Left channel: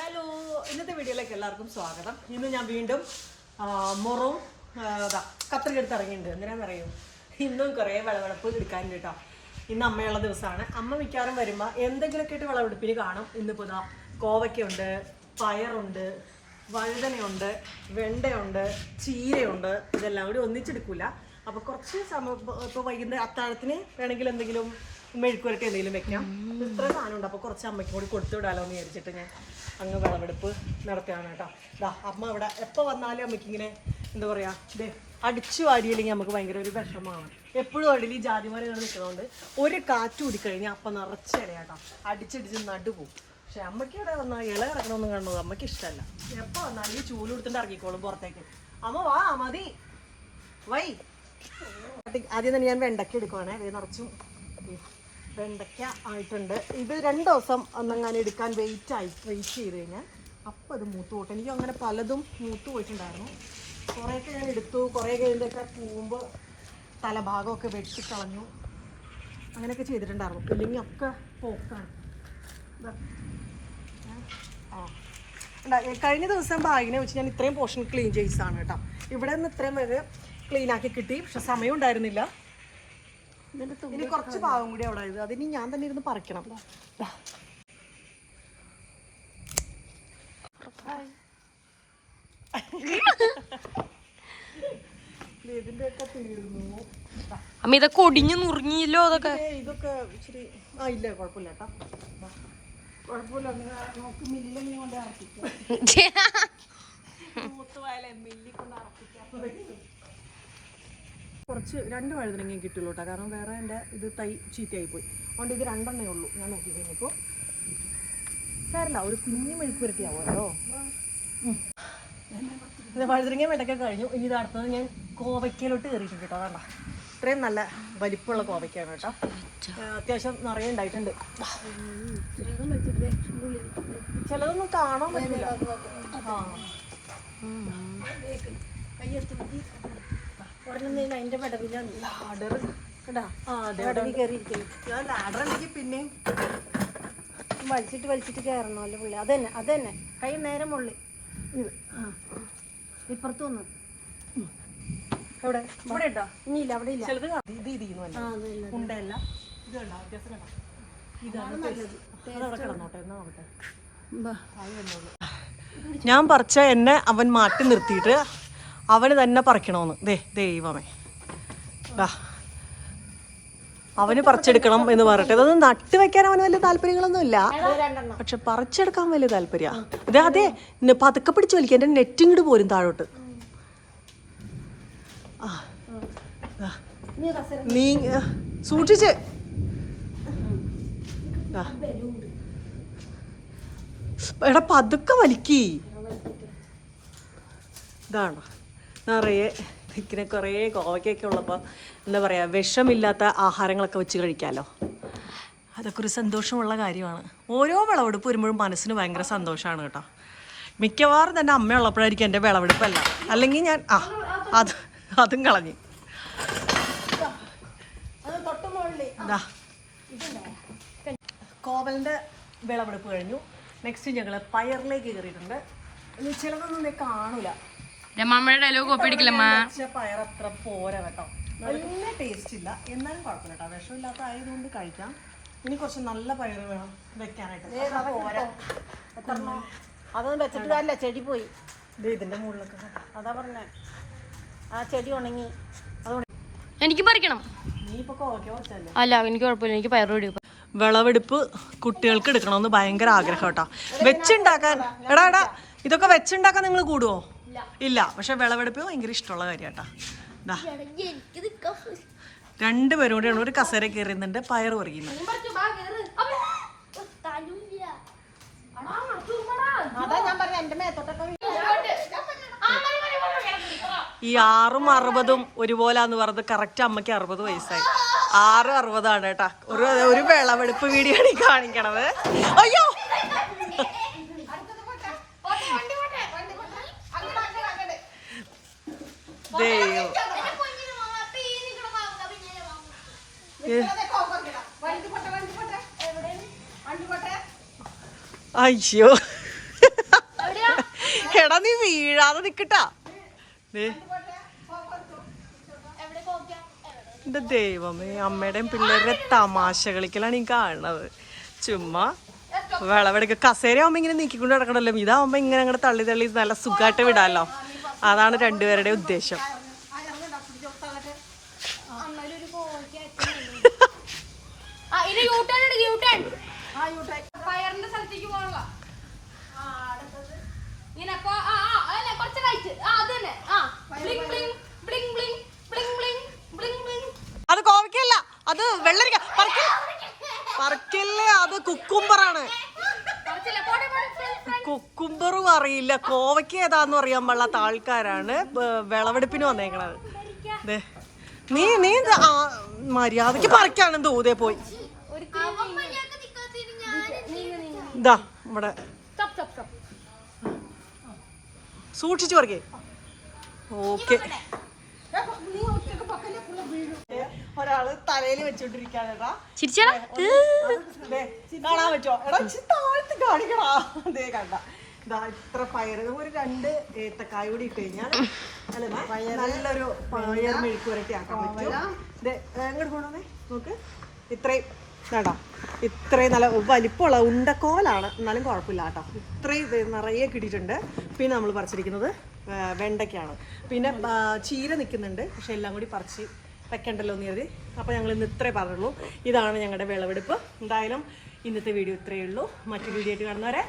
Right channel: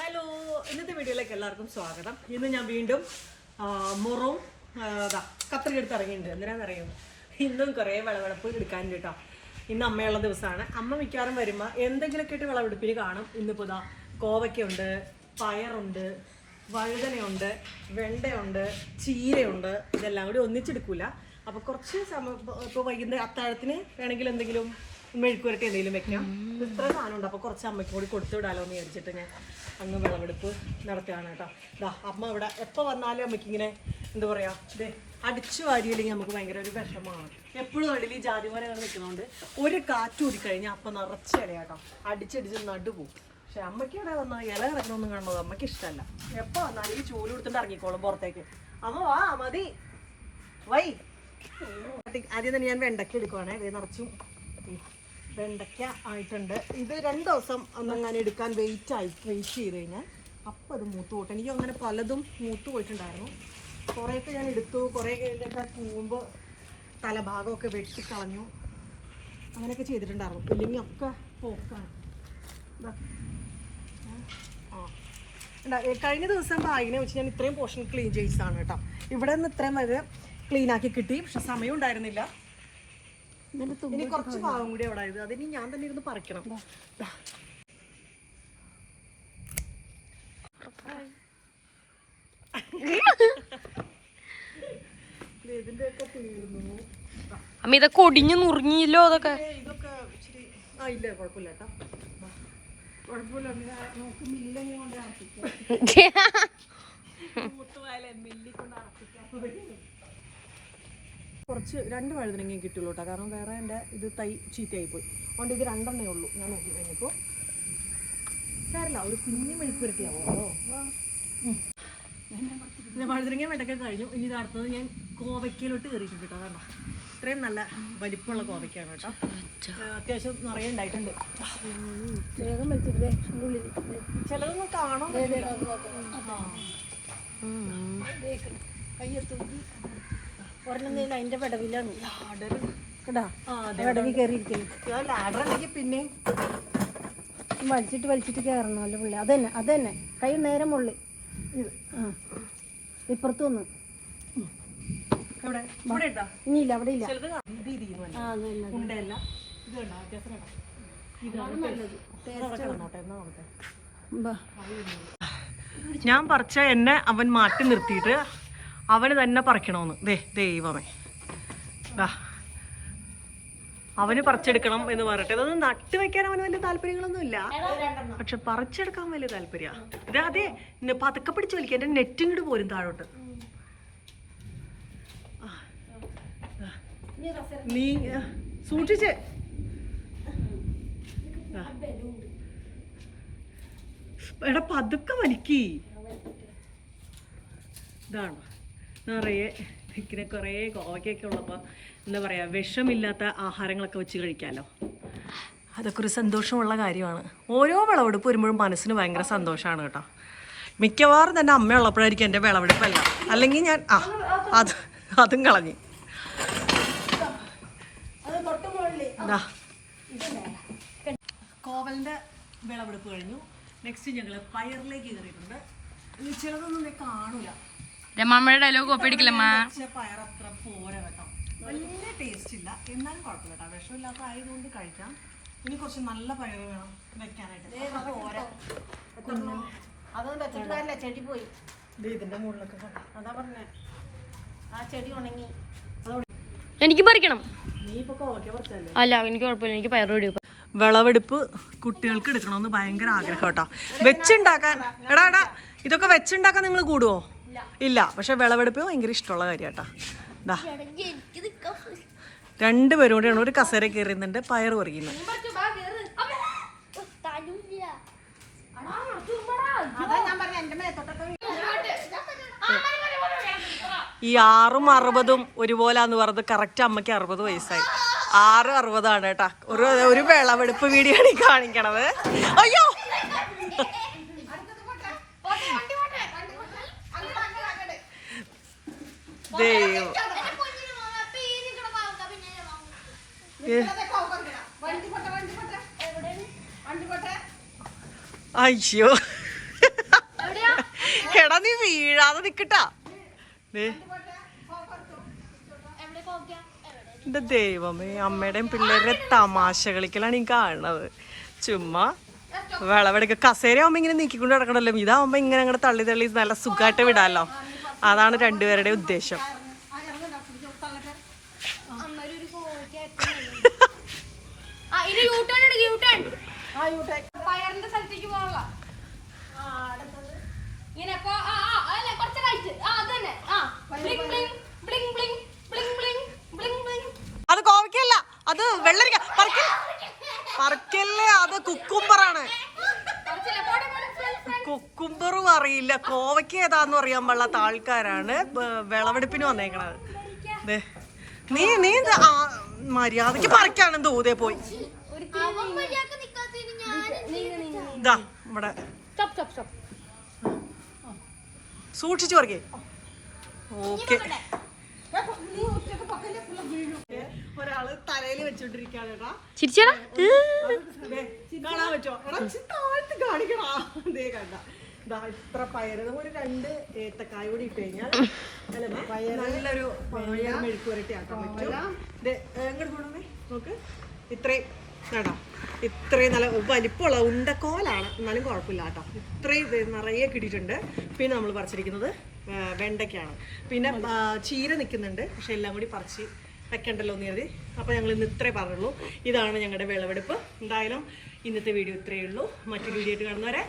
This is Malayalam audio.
ഹലോ ഇന്നത്തെ വീഡിയോയിലേക്ക് എല്ലാവർക്കും സ്വാഗതം. ഇന്ന് ഞാൻ വീണ്ടും മുറവും അതാ ഇതാ കത്രിക എടുത്ത് ഇറങ്ങിയിട്ടുണ്ട്. എന്തിനാണെന്നറിയും ഇന്നും കുറേ വിളവെടുപ്പ് എടുക്കാനുണ്ട് കേട്ടോ. ഇന്ന് അമ്മയുള്ള ദിവസമാണ്. അമ്മ മിക്കവാറും വരുമ്പോൾ എന്തെങ്കിലുമൊക്കെ ഇട്ട് വിളവെടുപ്പിന് കാണും. ഇന്നിപ്പോൾ ഇതാ കോവയ്ക്കുണ്ട് പയറുണ്ട് വഴുതനയുണ്ട് വെണ്ടയുണ്ട് ചീരയുണ്ട്. ഇതെല്ലാം കൂടി ഒന്നിച്ചെടുക്കില്ല അപ്പോൾ കുറച്ച് സമയം ഇപ്പോൾ വൈകുന്നേരം അത്താഴത്തിന് വേണമെങ്കിൽ എന്തെങ്കിലും മെഴുക്കുരട്ടി എന്തെങ്കിലും വെക്കാം ഇത്ര സാധനം ഉണ്ട് അപ്പോൾ കുറച്ച് അമ്മയ്ക്കും കൂടി കൊടുത്തു വിടാലോ എന്ന് വിചാരിച്ചിട്ട് ഞാൻ അങ്ങ് വിളവെടുപ്പ് നടത്തുകയാണ് കേട്ടോ. ഇതാ അമ്മ ഇവിടെ എപ്പോൾ വന്നാലും അമ്മയ്ക്ക് ഇങ്ങനെ എന്താ പറയുക ഇത് അടിച്ചു വാരിയില്ലെങ്കിൽ നമുക്ക് ഭയങ്കര ഒരു വിഷമമാണ്. എപ്പോഴും അടിയിൽ ഈ ജാതിമരങ്ങൾ നിൽക്കുന്നതുകൊണ്ട് ഒരു കാറ്റ് ഊടിക്കഴിഞ്ഞാൽ അപ്പം നിറച്ച് ഇലയാട്ടോ അടിച്ചടിച്ച് നടു പോകും പക്ഷെ അമ്മയ്ക്ക് ഇവിടെ വന്നാൽ ഇല കിടക്കണമെന്ന് കാണുന്നത് അമ്മയ്ക്ക് ഇഷ്ടമല്ല. എപ്പോൾ വന്നാലും ഈ ചൂൽ കൊടുത്തിട്ട് ഇറങ്ങിക്കോളും പുറത്തേക്ക്. അമ്മ വാ മതി. വൈ. ആദ്യം തന്നെ ഞാൻ വെണ്ടക്ക എടുക്കുവാണേ. അതേ നിറച്ചും. വെണ്ടയ്ക്ക ആയിട്ടുണ്ട്. ഇത് രണ്ട് ദിവസം ഒന്നങ്ങനെ എടുക്കാൻ വെയിറ്റ് ആയി വെയിറ്റ് ചെയ്ത് കഴിഞ്ഞാൽ അപ്പം അത് മൂത്ത് പോട്ടെ. എനിക്ക് അങ്ങനെ പലതും മൂത്ത് പോയിട്ടുണ്ടായിരുന്നു. കുറേയൊക്കെ ഞാൻ എടുത്തു കുറേ കഴിഞ്ഞൊക്കെ കൂമ്പ് തലഭാഗമൊക്കെ വെട്ടിക്കളഞ്ഞു അങ്ങനെയൊക്കെ ചെയ്തിട്ടുണ്ടായിരുന്നു. ഇല്ലെങ്കിൽ ഒക്കെ പോക്കാണ്? ആ. കഴിഞ്ഞ ദിവസം ബാഗിനെ വെച്ച് ഞാൻ ഇത്രയും പോർഷൻ ക്ലീൻ ചെയ്സാണ് കേട്ടോ. ഇവിടെ നിന്ന് ഇത്രയും വരെ ക്ലീൻ ആക്കി കിട്ടി. പക്ഷെ സമയം ഉണ്ടായിരുന്നില്ല. ഇനി കുറച്ച് ഭാഗം കൂടി അവിടെ ഇത്. അതിന് ഞാൻ തന്നെ ഇരുന്ന് പറിക്കണം. അമ്മ ഇതൊക്കെ ഒടിഞ്ഞു നുറുങ്ങിയില്ലോ അതൊക്കെ. ഇതൊക്കെ ഇച്ചിരി ആ ഇല്ല കുഴപ്പമില്ല കേട്ടോ. കുഴപ്പമില്ല നമുക്ക് കൊണ്ട് മില്ലിൽ കൊണ്ട് അറപ്പിക്കാം കുറച്ച് രണ്ട് വഴുതനങ്ങയും കിട്ടുള്ളൂ കേട്ടോ. കാരണം വേറെ എന്റെ ഇത് തൈ ചീത്തയായി പോയി അതുകൊണ്ട് ഇത് രണ്ടെണ്ണേ ഉള്ളൂ. ഞാൻ നോക്കി കഴിഞ്ഞപ്പോൾ സാരല്ല ഒരു കുഞ്ഞു മെഴുക്ക് പുരട്ടിയാവുമല്ലോ വഴുതനങ്ങ വെണ്ടയ്ക്ക കഴിഞ്ഞു. ഇനി ഇത് അടുത്തത് ഞാൻ കോവയ്ക്കയിലോട്ട് കയറിയിട്ടുണ്ട് കേട്ടോ. അതാണ്ട. ഇത്രയും നല്ല വലിപ്പമുള്ള കോവയ്ക്കാണ് കേട്ടോ. അത്യാവശ്യം നിറയെ ഉണ്ടായിട്ടുണ്ട്. ചിലതൊന്നും കാണാൻ പറ്റില്ല. ആ. ഒരെണ്ണം അതിന്റെ പടവിലാണ്. പിന്നെയും വലിച്ചിട്ട് വലിച്ചിട്ട് കയറണമല്ലോ പുള്ളി. അതന്നെ അതന്നെ. കൈ നേരം പുള്ളി ഇപ്പുറത്തു വന്നു. ഇവിടെ ഇനിയില്ല അവിടെ ഇല്ല. ഇത് ഉണ്ടല്ല ഇത് കണ്ടോ? വ്യത്യാസം. ഞാൻ പറിച്ച എന്നെ അവൻ മാറ്റി നിർത്തിയിട്ട് അവന് തന്നെ പറിക്കണമെന്ന് ദേ ദൈവമേ. ദാ. അവന് പറിച്ചെടുക്കണം എന്ന് പറഞ്ഞിട്ട്. അതൊന്നും നട്ട് വെക്കാൻ അവന് വലിയ താല്പര്യങ്ങളൊന്നും ഇല്ല പക്ഷെ പറിച്ചെടുക്കാൻ വലിയ താല്പര്യ. അതെ അതെ പതുക്കെ പിടിച്ചു വലിക്കുക എന്റെ നെറ്റിങ്ങോട്ട് പോരും താഴോട്ട്. നീ സൂക്ഷിച്ച്. എടാ പതുക്കെ വലിക്കി. ഇതാണ്? നിറയെ ഇങ്ങനെ കുറേ കോവയ്ക്കൊക്കെ ഉള്ളപ്പോൾ എന്താ പറയുക വിഷമില്ലാത്ത ആഹാരങ്ങളൊക്കെ വെച്ച് കഴിക്കാമല്ലോ അതൊക്കെ ഒരു സന്തോഷമുള്ള കാര്യമാണ്. ഓരോ വിളവെടുപ്പ് വരുമ്പോഴും മനസ്സിന് ഭയങ്കര സന്തോഷമാണ് കേട്ടോ. മിക്കവാറും തന്നെ അമ്മയുള്ളപ്പോഴായിരിക്കും എന്റെ വിളവെടുപ്പല്ല. അല്ലെങ്കിൽ ഞാൻ ആ അത് അതും കളഞ്ഞു. കോവലിന്റെ വിളവെടുപ്പ് കഴിഞ്ഞു. നെക്സ്റ്റ് ഞങ്ങൾ പയറിലേക്ക് കയറിയിട്ടുണ്ട്. ചിലതൊന്നും കാണൂല. രമാമ്മയുടെ ഡയലോഗ് കോപ്പി അടിക്കില്ലമ്മ പോരാ കേട്ടോ. നല്ല ടേസ്റ്റ് ഇല്ല. എന്നാലും കുഴപ്പമില്ല കേട്ടോ. വിഷമില്ലാത്ത ആയതുകൊണ്ട് കഴിക്കാം. ഇനി കുറച്ച് നല്ല പയറ് വേണം വെക്കാനായിട്ട് അത്ര പോരാ. അതൊന്നും വെച്ചിട്ട് കാര്യമില്ല ചെടി പോയി. ദേ ഇതിന്റെ മുകളിലൊക്കെ അതാ പറഞ്ഞ. ആ ചെടി ഉണങ്ങി. എനിക്ക് പറിക്കണം. നീ ഇപ്പൊ കോവയ്ക്ക കുറച്ചല്ലേ അല്ല എനിക്ക് കുഴപ്പമില്ല. എനിക്ക് പയറ് പിടി വിളവെടുപ്പ് കുട്ടികൾക്ക് എടുക്കണമെന്ന് ഭയങ്കര ആഗ്രഹം കേട്ടോ. വെച്ചുണ്ടാക്കാൻ. എടാ എടാ ഇതൊക്കെ വെച്ചുണ്ടാക്കാൻ നിങ്ങൾ കൂടുവോ? ഇല്ല. പക്ഷെ വിളവെടുപ്പ് ഭയങ്കര ഇഷ്ടമുള്ള കാര്യം കേട്ടോ ദാ രണ്ടുപേരും കൂടെയാണ് ഒരു കസേര കയറിയുന്നുണ്ട് പയർ പറയുന്നു ഈ ആറും അറുപതും ഒരുപോലാന്ന് പറഞ്ഞത് കറക്റ്റ് അമ്മയ്ക്ക് അറുപത് വയസ്സായി. ആറ് അറുപതാണ് കേട്ടാ. ഒരു ഒരു വിളവെടുപ്പ് വീഡിയോ ആണ് കാണിക്കണത്. അയ്യോ! ദൈവം. അയ്യോ. എടാ നീ വീഴാതെ നിക്കട്ടാ. എന്റെ ദൈവമേ അമ്മയുടെയും പിള്ളേരുടെ തമാശ കളിക്കലാണ് ഈ കാണുന്നത് ചുമ്മാ വിളവെടുക്ക. കസേരയാവുമ്പോ ഇങ്ങനെ നീക്കിക്കൊണ്ട് നടക്കണല്ലോ. ഇതാവുമ്പോ ഇങ്ങനെ അങ്ങോട്ട് തള്ളി തള്ളി നല്ല സുഖമായിട്ട് വിടാലോ. അതാണ് രണ്ടുപേരുടെ ഉദ്ദേശം ഇങ്ങനെ കുറച്ച് റൈറ്റ് ആ അത് തന്നെ ആ കുക്കുംബറും അറിയില്ല. കോവയ്ക്ക് ഏതാന്ന് അറിയാൻ പാടില്ലാത്ത ആൾക്കാരാണ് വിളവെടുപ്പിന് വന്നേക്കണത്. നീ നീ മര്യാദയ്ക്ക് പറിക്കാണ് ദൂതെ പോയി. ഇവിടെ. സൂക്ഷിച്ചു പറിക്കേ. ഓക്കെ. ഒരാൾ തലയിൽ വെച്ചോണ്ടിരിക്കാണ് ചിരിച്ചടാ. കാണാൻ പറ്റോ എടാ താഴ്ത്തി കാണിക്കടാ. ദേ കണ്ട. ഇതാ ഇത്ര പയറ്. ഒരു രണ്ട് ഏത്തക്കായ കൂടി ഇട്ട് കഴിഞ്ഞാൽ നല്ലൊരു പയർ മെഴുക്ക് വരട്ടി ആക്കാൻ പറ്റും. ദേ, എങ്ങോട്ട് പോണേ നോക്ക്. ഇത്രയും കേട്ടോ ഇത്രയും നല്ല വലിപ്പമുള്ള ഉണ്ടക്കോലാണ്. എന്നാലും കുഴപ്പമില്ല കേട്ടോ. ഇത്രയും ഇത് നിറയെ കിട്ടിയിട്ടുണ്ട്. പിന്നെ നമ്മൾ പറിച്ചിരിക്കുന്നത് വെണ്ടയ്ക്കാണ്. പിന്നെ ചീര നിൽക്കുന്നുണ്ട്. പക്ഷെ എല്ലാം കൂടി പറിച്ച് വെക്കണ്ടല്ലോ എന്ന് കരുതി. അപ്പോൾ ഞങ്ങൾ ഇന്ന് ഇത്രേ പറഞ്ഞുള്ളൂ. ഇതാണ് ഞങ്ങളുടെ വിളവെടുപ്പ്. എന്തായാലും ഇന്നത്തെ വീഡിയോ ഇത്രയേ ഉള്ളൂ. മറ്റു വീഡിയോ ആയിട്ട് കാണുന്നവരെ